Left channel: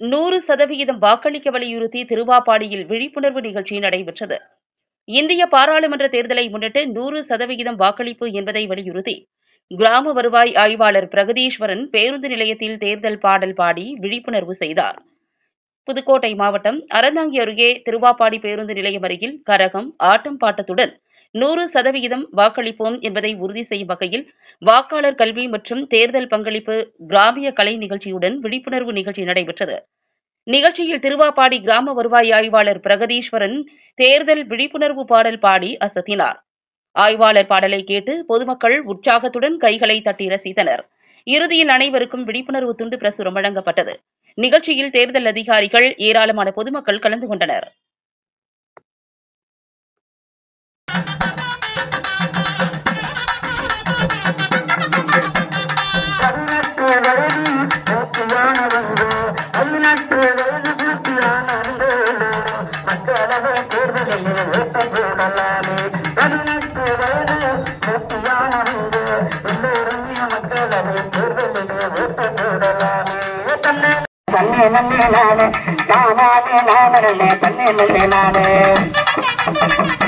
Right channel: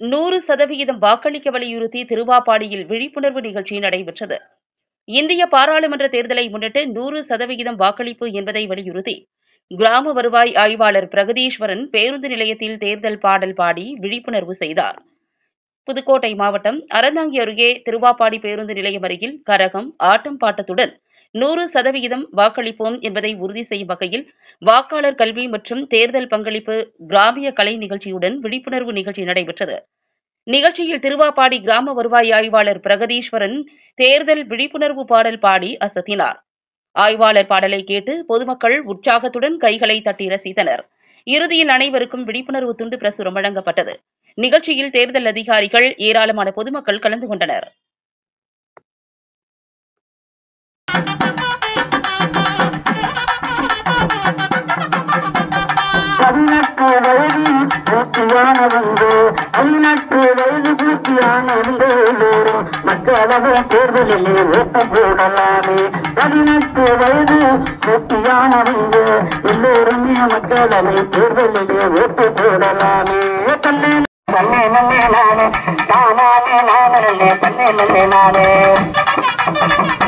100% வாக்களிக்க வலியுறுத்தி திருவாப்பாடியில் விழிப்புணர்வு நிகழ்ச்சி நடைபெற்றது. இந்திய பாராளுமன்ற தேர்தலை முன்னிட்டு 100% வாக்களிப்பு என்பதை வலியுறுத்தி கிராம வருவாய் ஆய்வாளர் பிரகதீஸ்வரன் பேருந்து நிலையத்தில் தேர்தல் பாடல் பாடி விழிப்புணர்வு செய்தார். புதுக்கோட்டை மாவட்டம் அறந்தாங்கி அருகே திருவாப்பாடி பேருந்து நிலையம் அருகில் கரகம், ஆட்டம் பாட்டத்துடன் 100% வாக்களிப்போம் என்பதை உறுதி செய்யும் வகையில் வாக்காளர் கல்வி மற்றும் தேர்தல் பங்களிப்பு கிராமிய கலை நிகழ்ச்சியுடன் விழிப்புணர்வு நிகழ்ச்சி நடைபெற்றது. நிகழ்ச்சியில் திருவாப்பாடி கிராம வருவாய் ஆய்வாளர் பிரகதீஸ்வரன் தேர்தல் விழிப்புணர்வு பாடல் பாடி அசத்தினார். ஆய்வாளர் பாடலை கேட்டு பொதுமக்கள் உற்சாகத்துடன் கைகளை தட்டி ரசித்தனர். இறுதியில் அனைவருக்கும் விழிப்புணர்வு துண்டு பிரசுரம் வழங்கப்பட்டது. நிகழ்ச்சியில் தேர்தல் அதிகாரிகள், ஏராளமான பொதுமக்கள் கலந்து கொண்டனர். நானே